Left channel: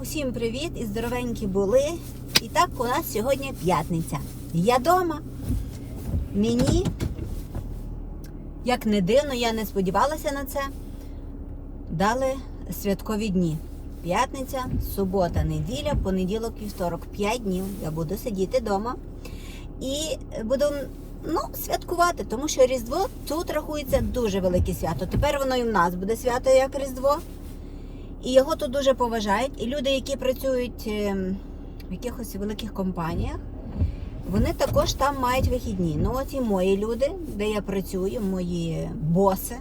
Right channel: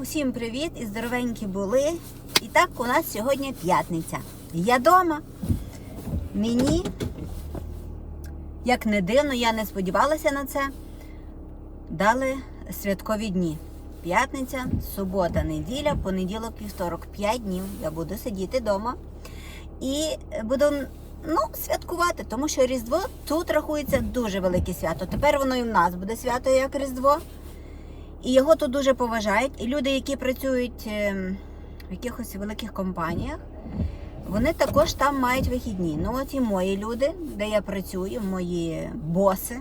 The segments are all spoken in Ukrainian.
Усім привіт і здоровенькі були. І так у нас сьогодні п'ятниця. Я вдома. Мені, як не дивно, я не сподівалася на це. Дали святкові дні. П'ятниця, субота, неділя, понеділок, вівторок. П'ять днів я буду сидіти вдома і буду ну, святкувати, тому що Різдво тут рахується дуже велике свято. Тепер воно і в нас буде свято як Різдво. І його тут дуже поважають. І люди, які працюють ем, в якихось великих компаніях, вони також там мають вихідні. Ну, от і мої люди, де я працюю, мої боси,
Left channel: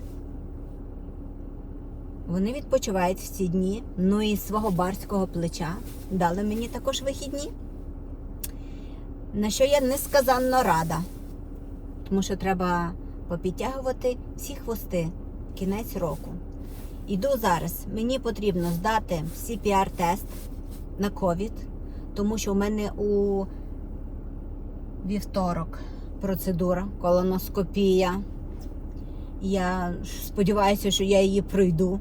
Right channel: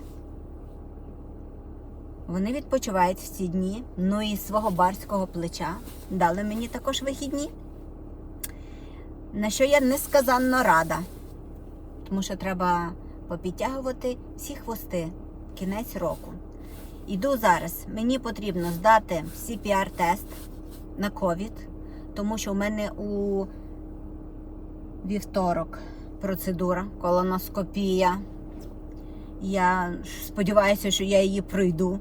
вони відпочивають в ці дні. Ну і свого барського плеча дали мені також вихідні. На що я несказанно рада, тому що треба попідтягувати всі хвости кінець року. Іду зараз. Мені потрібно здати CPR-тест на COVID, тому що у мене у вівторок процедура, колоноскопія. Я сподіваюся, що я її пройду,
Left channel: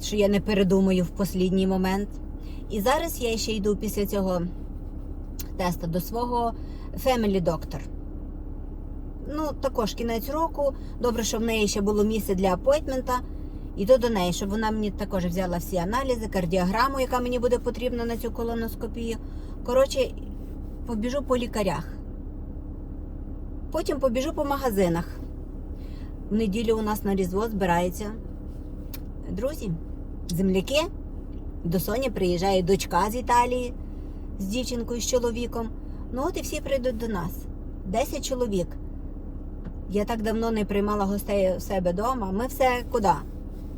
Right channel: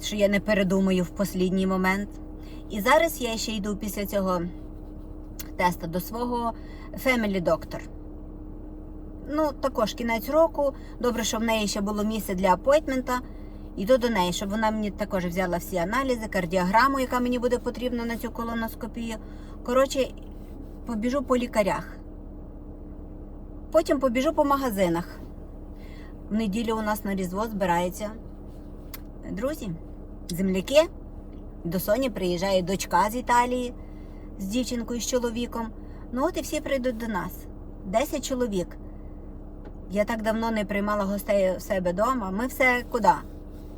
що я не передумаю в останній момент. І зараз я ще йду після цього тесту до свого Family Doctor. Ну, також кінець року. Добре, що в неї ще було місце для апойтмента. Йду до неї, щоб вона мені також взяла всі аналізи, кардіограму, яка мені буде потрібна на цю колоноскопію. Коротше, побіжу по лікарях. Потім побіжу по магазинах. В неділю у нас на Різдво збираються друзі, земляки. До Соні приїжджає дочка з Італії з дівчинкою, з чоловіком. Ну от і всі прийдуть до нас. Десять чоловік. Я так давно не приймала гостей у себе вдома. Ми все куди?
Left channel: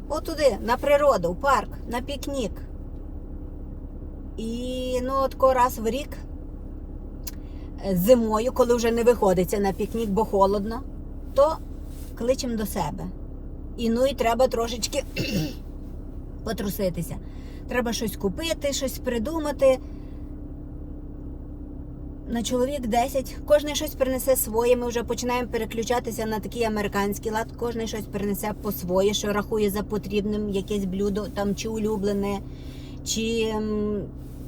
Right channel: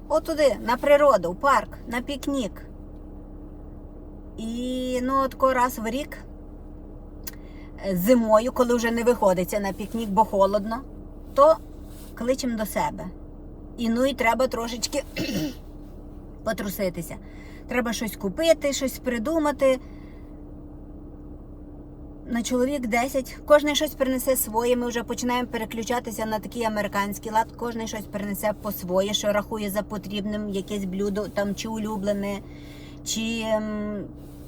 От туди, на природу, в парк, на пікнік. І ну, отко раз в рік зимою, коли вже не виходиться на пікнік, бо холодно, то кличемо до себе. І ну і треба трошечки потруситися. Треба щось купити, щось придумати. На чоловік 10. Кожен щось принесе своє. Ми вже починаємо переключатися на такий американський лад. Кожен щось принесе по своє, що рахує за потрібним якесь блюдо, там чи улюблене, чи м,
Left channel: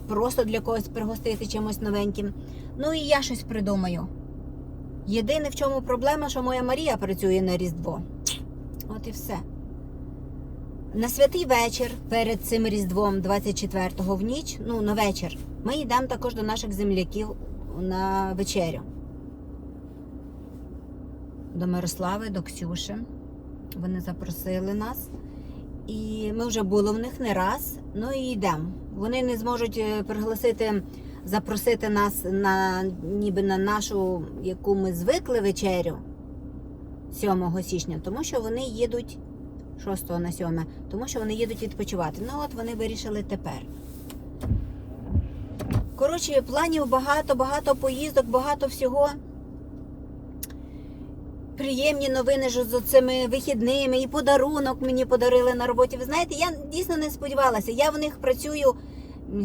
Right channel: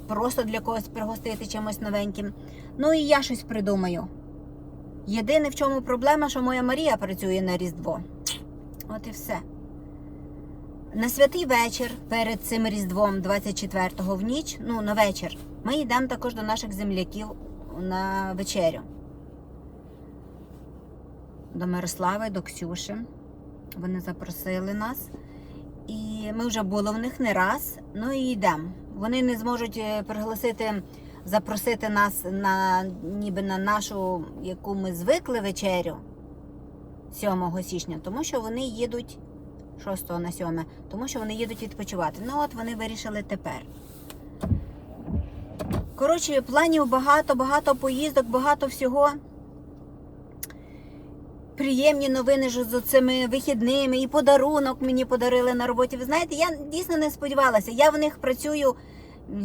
просто для когось пригостити чимось новеньким. Ну і я щось придумаю. Єдине, в чому проблема, що моя Марія працює на Різдво. От і все. На святий вечір перед цим Різдвом, 24-го в ніч, ну на вечір, ми йдемо також до наших земляків на вечерю. До Мирослави, до Ксюші. Вони запросили нас. І ми вже були в них не раз, ну і йдемо. Вони не зможуть е, пригласити, запросити нас на ніби на нашу, яку ми звикли вечерю 7 січня, тому що вони їдуть 6 на 7, тому що вони їдуть відпочивати. Ну от вони вирішили тепер. Коротше, планів багато, багато поїздок, багато всього. Приємні новини ж з цими вихідними і подарунок мені подарили на роботі. Ви знаєте, я дійсно не сподівалася. Я в них працюю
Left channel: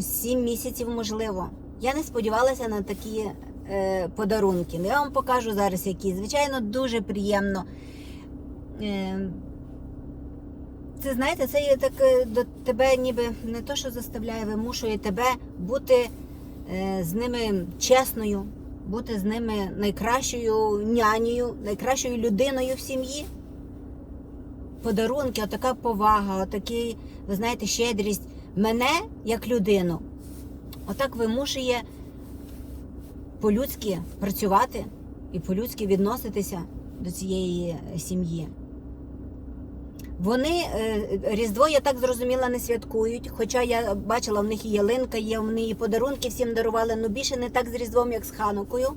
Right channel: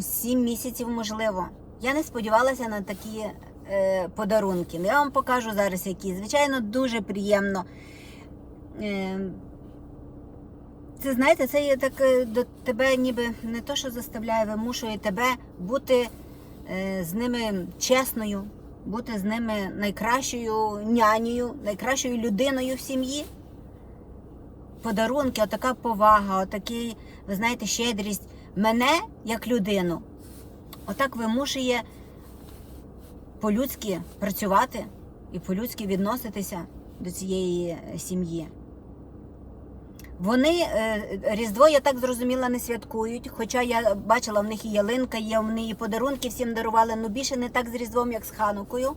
7 місяців, можливо. Я не сподівалася на такі е, подарунки. Я вам покажу зараз які. Звичайно, дуже приємно. Е, це знаєте, це є так е, до тебе, ніби не то, що заставляє, вимушує тебе бути з ними чесною, бути з ними найкращою нянею, найкращою людиною в сім'ї. Подарунки, отака повага, отакий, ви знаєте, щедрість мене як людину. Отак вимушує по-людськи працювати і по-людськи відноситися до цієї е, сім'ї. Вони е, Різдво, я так зрозуміла, не святкують. Хоча я бачила, в них і ялинка є, вони і подарунки всім дарували, але більше не так з Різдвом, як з Ханукою.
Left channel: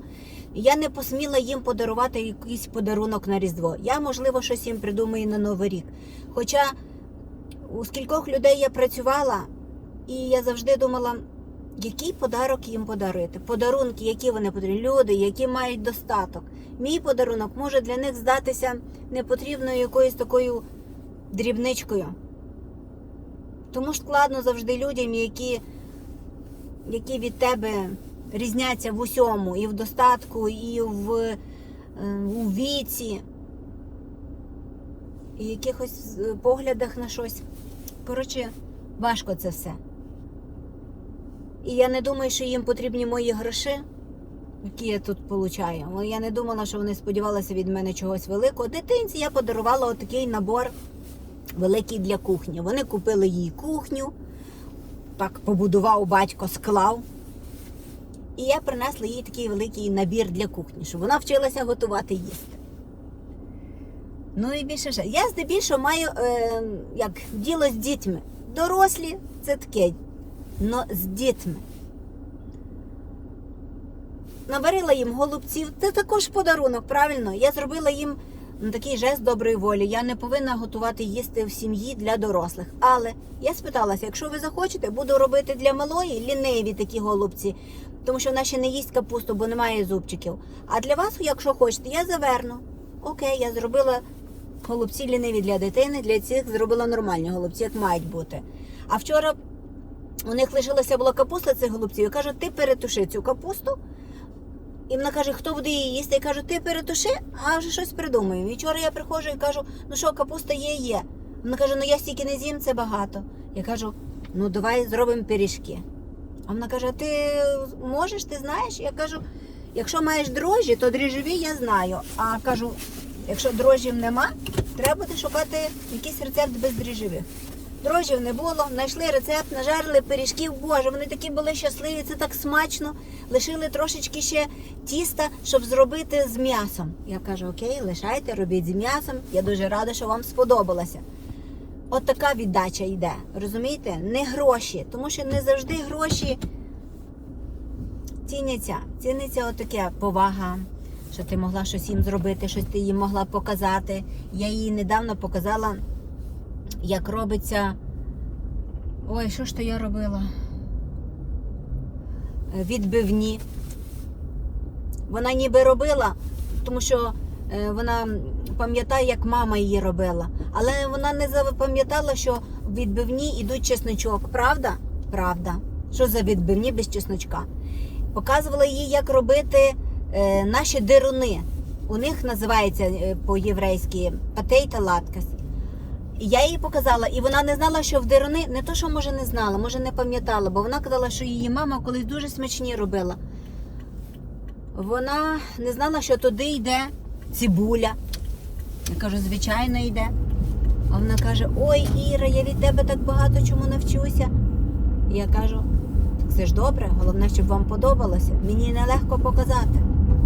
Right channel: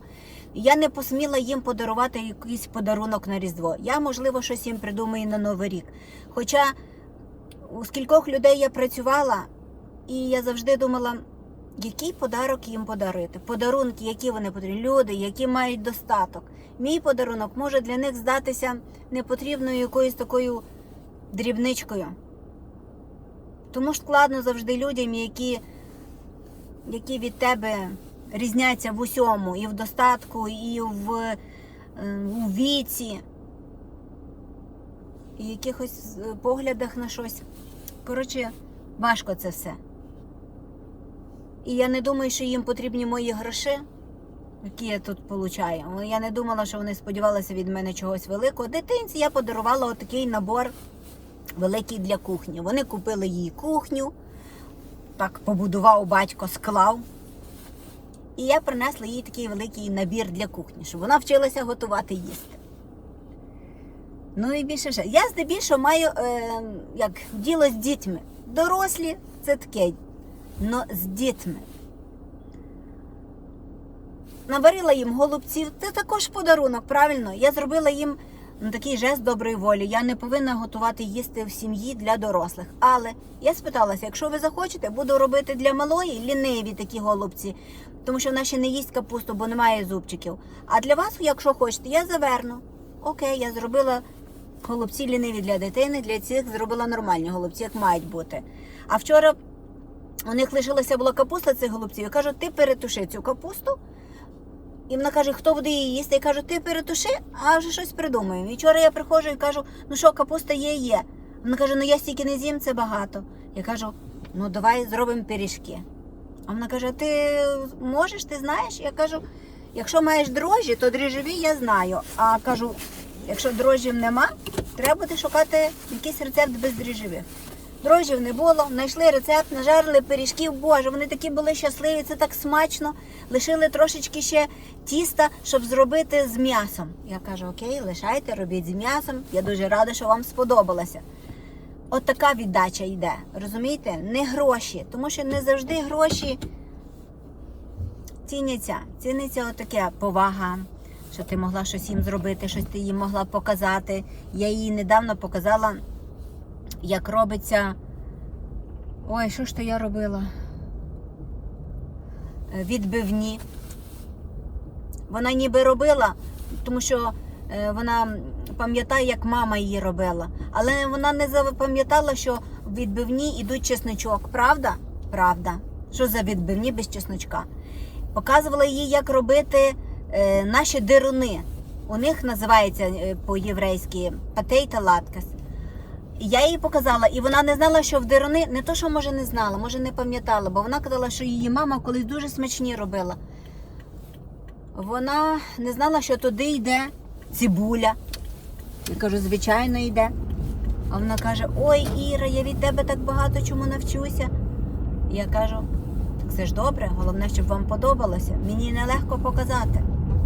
Я не посміла їм подарувати якийсь подарунок на Різдво. Я, можливо, щось їм придумаю на Новий рік. Хоча у скількох людей я працювала, і я завжди думала, який подарок їм подарити. Подарунки, які вони потрібні, люди, які мають достаток. Мій подарунок може для них здатися непотрібною якоюсь такою дрібничкою. Тому складно завжди людям, які, які від тебе різняться в усьому, і в достатку, і в, е, у віці, і в якихось е, поглядах на щось. Коротше, важко це все. І я не думаю, що їм потрібні мої гроші, які я тут получаю. Я не думала, що вони сподівалися від мене чогось великого. Дитинці я подарувала отакий набор великий для кухні. Вони купили їй кухню, так побудував батько, склав. І я принесла їй такий великий набір для кухні, щоб вона вчилася готувати їсти. Ну і більше ще. Я здебільшого маю е, як діло з дітьми. Дорослі це таке, но з дітьми. Наварила їм голубців, це також подарунок, правильно? Я зробила їм ну, такий жест доброї волі. Я не повинна готувати їсти в сім'ї для дорослих. Але я спиталася, якщо ви захочете, буду робити для малої ліниві такі голубці, тому що вона ще не їсть капусту, бо немає зубчиків. А для вас, якщо хочете, я заверну. Окей, я зробила голубці ліниві для дитини, для цих зробила нормальні голубці, як мають бути. А вчора у них лишилася була капуста цих голубців. Я кажу, ти перетуши цю капусту. І вона каже, хто буде її їсти? Я кажу, ти перетуши, а вже щось придумаємо. І вчора я приходжу і кажу, ну що, капуста є, є. Вона каже, ну я стільки не з'їм, це багато. Я кажу, ну давай зробимо пиріжки. А вона каже, ти можеш, ти знаєш? Я кажу, якщо маєш дрожжі, то дріжджові я знаю. А кажу, якщо дрожжів нема, треба буде шукати якийсь рецепт без дріжджових. Дрожжів не було, знайшли рецепт, нажарили пиріжків. Боже, вони такі були щасливі, це так смачно. Лишили трошечки ще тіста, щоб зробити з м'ясом. Я кажу, окей, лишайте, робіть з м'ясом. Я дуже рада, що вам сподобалося. От така віддача йде. Розумієте? Не гроші, тому що не завжди гроші ціняться. Ціниться отаке повага, що ти могла щось їм зробити, щось ти їм могла показати. Я їй недавно показала, як робиться. Ой, що ж то я робила? Е, Відбивні. Вона ніби робила, тому що е, вона пам'ятає, як мама її робила. Але вона не запам'ятала, що в відбивні йдуть чесночок. Правда? Правда. Що за відбивні без чесночка? Показувала їй, як робити е, наші дируни. У них називається по-єврейськи патейта латкас. І Я їй показала, і вона не знала, що в дируни, не то, що може не знала, може не пам'ятала, бо вона казала, що її мама колись дуже смачні робила. Вона не знала, що туди йде цибуля. Я кажу, звичайно, йде. А вона каже: Ой, Іра, я від тебе так багато чому навчуся. Я кажу, так це ж добре, головне, щоб вам подобалося. Мені нелегко показати.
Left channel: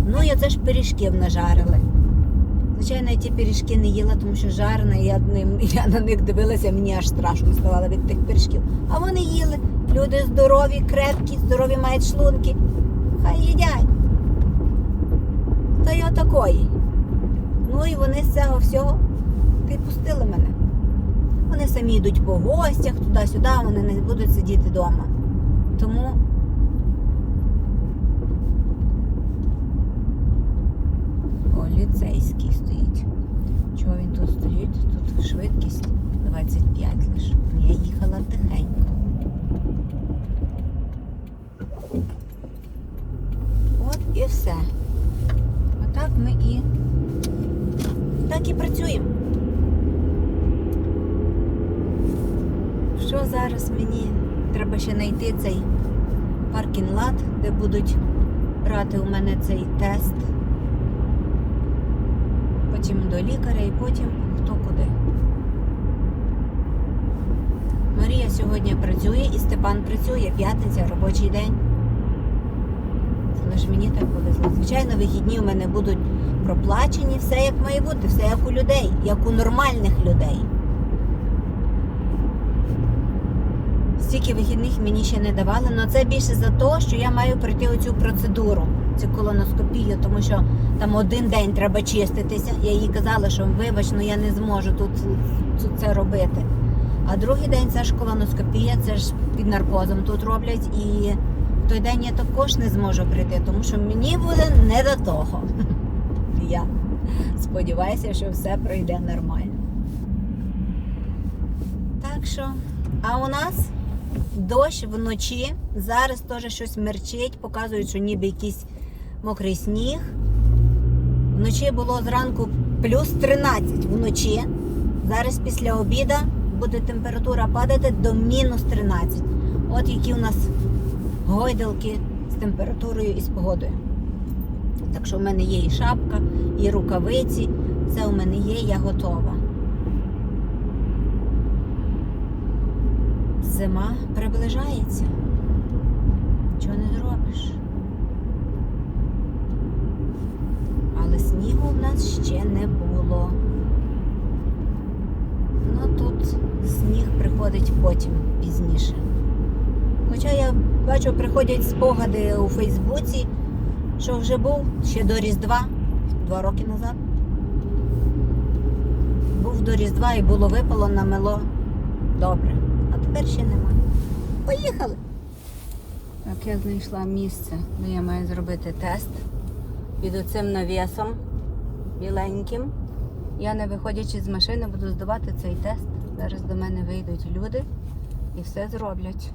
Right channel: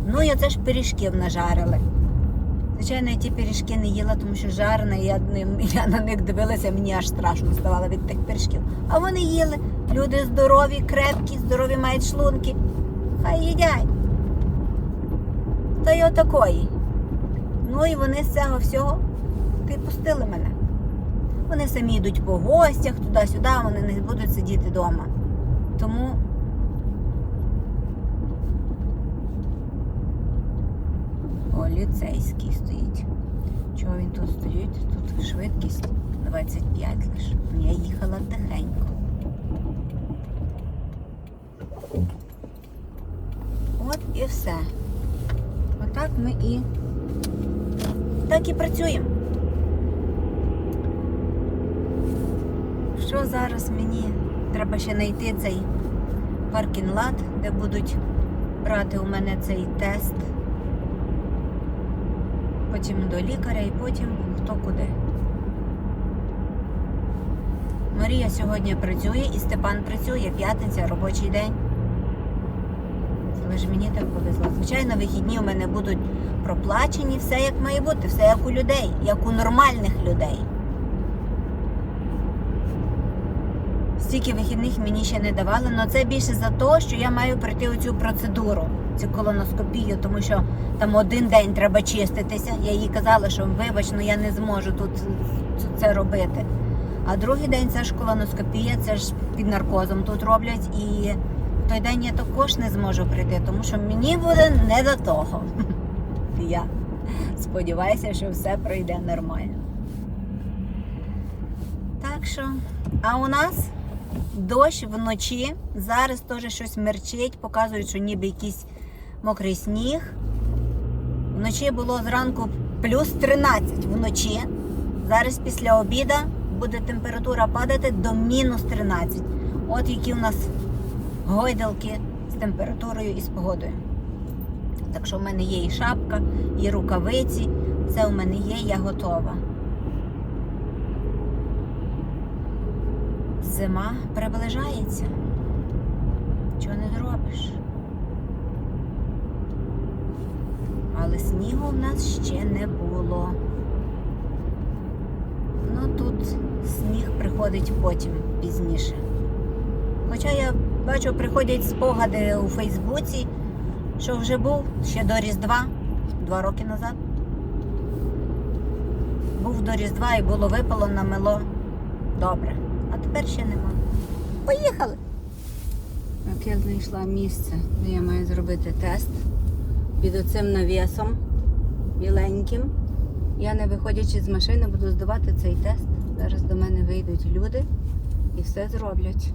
Ну і оце ж пиріжків нажарили. Звичайно, я ті пиріжки не їла, тому що жарена, я, ним- я на них дивилася, мені аж страшно ставало від тих пиріжків. А вони їли. Люди здорові, крепкі, здорові мають шлунки. Хай їдять. Та й отакої. Ну і вони з цього всього відпустили мене. Вони самі йдуть по гостях туди-сюди, вони не будуть сидіти вдома. Тому О, ліцейський стоїть. Чого він тут стоїть? Тут швидкість 25 лише. Я їхала тихенько. От і все. Отак ми і і працюємо. Що зараз мені треба ще знайти цей паркінг-лад, де будуть брати у мене цей тест. Потім до лікаря і потім хто куди. Марія сьогодні працює і Степан працює, п'ятниця, робочий день. Але ж мені так повезло. Звичайно, вихідні у мене будуть проплачені, все як має бути, все як у людей, як у нормальних людей. Стільки вихідних мені ще не давали, але це більше за те, що я маю пройти оцю процедуру, цю колоноскопію, тому що там один день треба чиститися. Я їй казала, що вибач, ну я не зможу тут це робити. А другий день це ж колоноскопія, це ж під наркозом тут роблять. І в той день я також не зможу прийти, тому що мені буде не до того. Я сподіваюся, що все пройде нормально. Так що, а у нас дощ вночі. Зараз теж щось мерчить, показують, що ніби якийсь мокрий сніг. Вночі було зранку плюс 13 вночі. Зараз після обіда буде температура падати до мінус 13. От які у нас гойдалки з температурою і з погодою. Так що в мене є і шапка, і рукавиці. Це у мене є, я готова. Зима приближається. Чого не зробиш? Але снігу в нас ще не було. Ну тут сніг приходить потім пізніше. Хоча я бачу, приходять спогади у Фейсбуці, що вже був ще до Різдва, два роки назад. Був до Різдва і було випало намело. Добре. А тепер ще нема. Поїхали! Так, я знайшла місце, де я маю зробити тест під оцим навісом біленьким. Я не виходячи з машини, буду здавати цей тест. Зараз до мене вийдуть люди і все зроблять.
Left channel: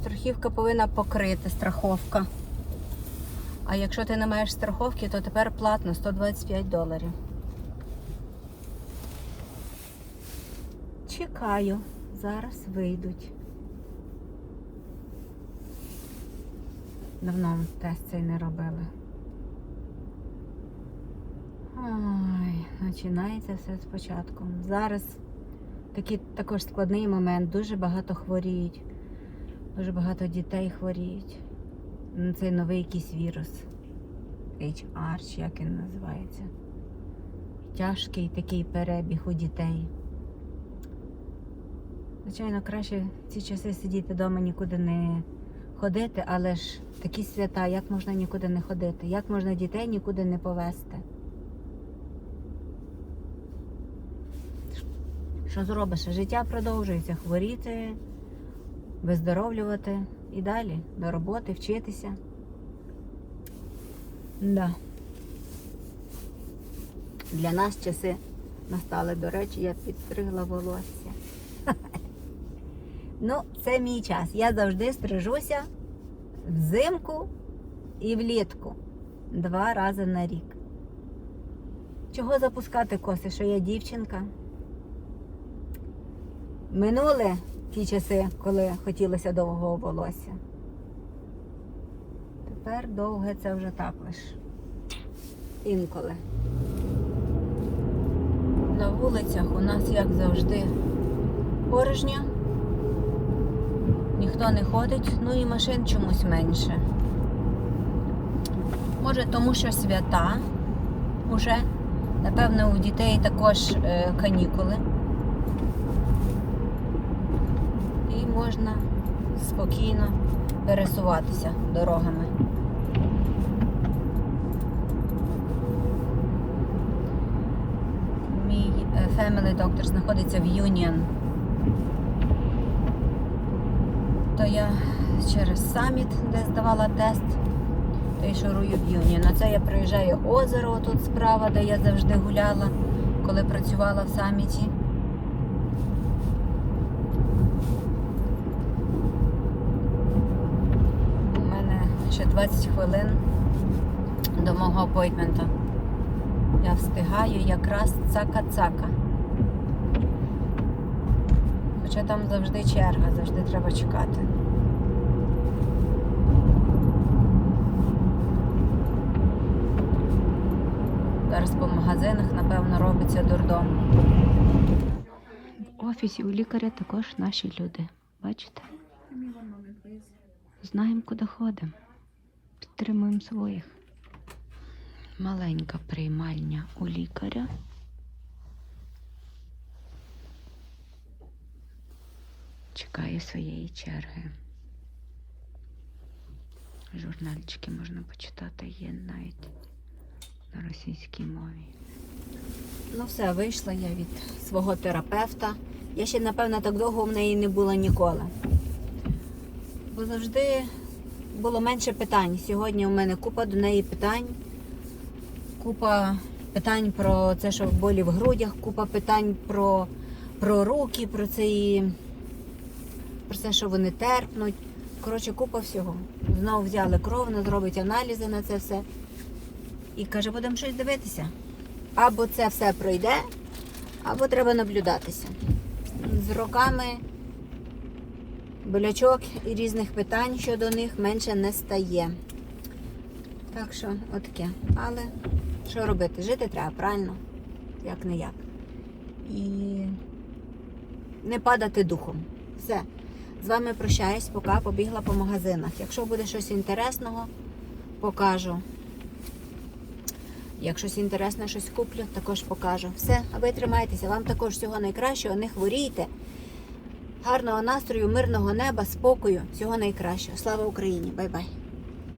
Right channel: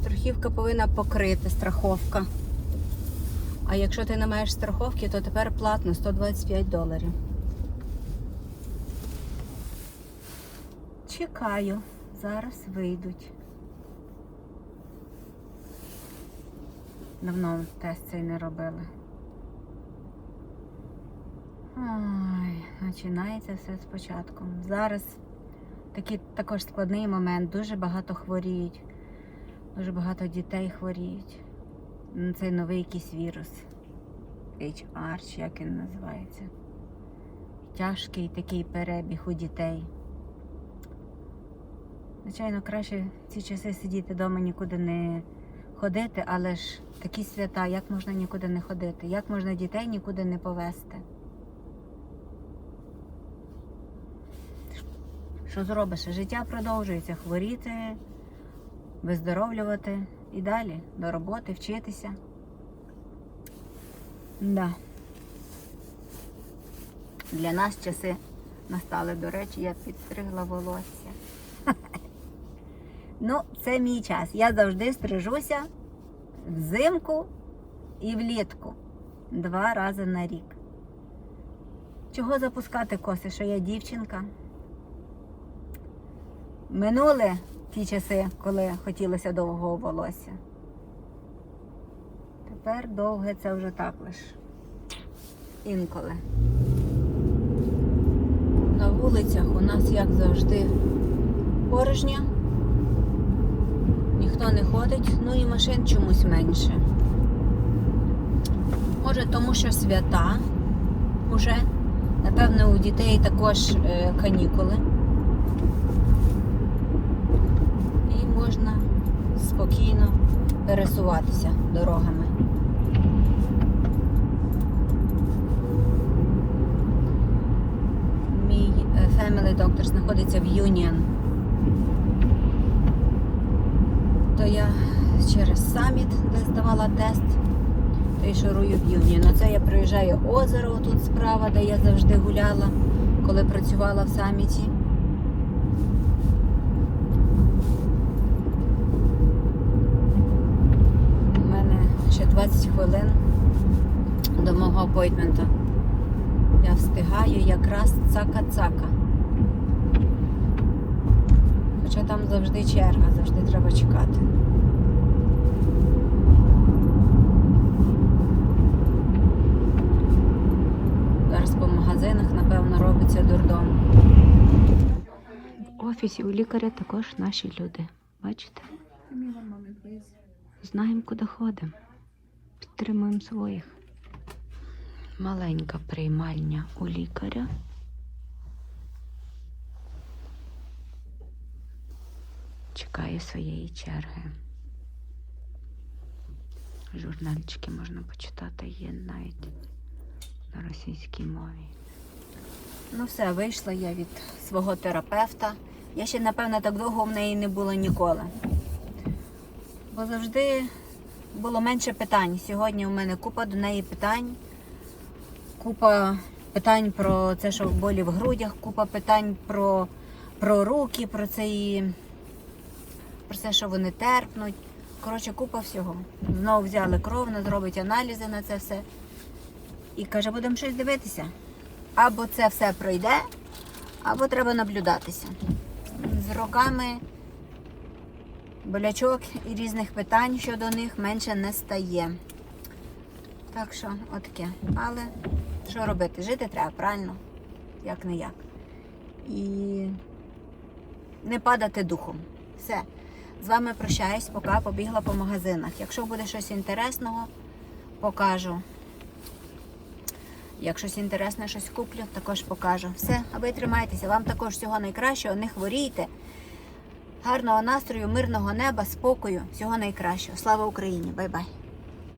Страхівка повинна покрити страховка. А якщо ти не маєш страховки, то тепер платно 125 доларів. Чекаю, зараз вийдуть. Давно тест цей не робили. Ой, починається все спочатку. Зараз такий також складний момент. Дуже багато хворіють. Дуже багато дітей хворіють. Ну, Це новий якийсь вірус. HR, чи як він називається. Тяжкий такий перебіг у дітей. Звичайно, краще в ці часи сидіти вдома, нікуди не ходити, але ж такі свята, як можна нікуди не ходити? Як можна дітей нікуди не повезти? Що зробиш? Життя продовжується, хворіти, виздоровлювати і далі до роботи, вчитися. Да. Для нас часи настали, до речі, я підстригла волосся. Ну, це мій час. Я завжди стрижуся взимку і влітку. Два рази на рік. Чого запускати коси, що я дівчинка? Минули ті часи, коли хотілося довгого волосся. Тепер довге це вже так лиш. Інколи. На вулицях у нас, як завжди, порожньо. Ніхто не ходить, ну і машин чомусь менше. Може, тому що свята уже. Напевно, у дітей також е, канікули. І можна спокійно пересуватися дорогами. Мій е, Family Doctor знаходиться в Union. То я через саміт, де здавала тест, шурую в Юніон. А це я приїжджаю озеро тут справа, де я завжди гуляла, коли працювала в саміті. У мене ще 20 хвилин до мого. Я встигаю якраз цака-цака. Хоча там завжди черга, завжди треба чекати. Зараз по магазинах, напевно, робиться дурдом. В офісі у лікаря також наші люди. Бачите? Знаємо, куди ходимо. Підтримуємо своїх. Маленька приймальня у лікаря. чекає своєї черги. Журнальчики можна почитати, є навіть на російській мові. Ну все, вийшла я від свого терапевта. Я ще, напевно, так довго в неї не була ніколи. Бо завжди було менше питань. Сьогодні у мене купа до неї питань. Купа питань про це, що болі в грудях, купа питань про, про руки, про цей про те, що вони терпнуть. Коротше, купа всього. Знову взяли кров, вона зробить аналізи на це все. І каже, будемо щось дивитися. Або це все пройде, або треба наблюдатися. З роками болячок і різних питань щодо них менше не стає. Так що, отаке. Але що робити? Жити треба, правильно? Як не як. І не падати духом. Все. З вами прощаюсь, поки побігла по магазинах. Якщо буде щось інтересного, покажу. Як щось інтересне, щось куплю, також покажу. Все, а ви тримайтеся. Вам також всього найкращого, не хворійте. Гарного настрою, мирного неба, спокою, всього найкращого. Слава Україні! Бай-бай!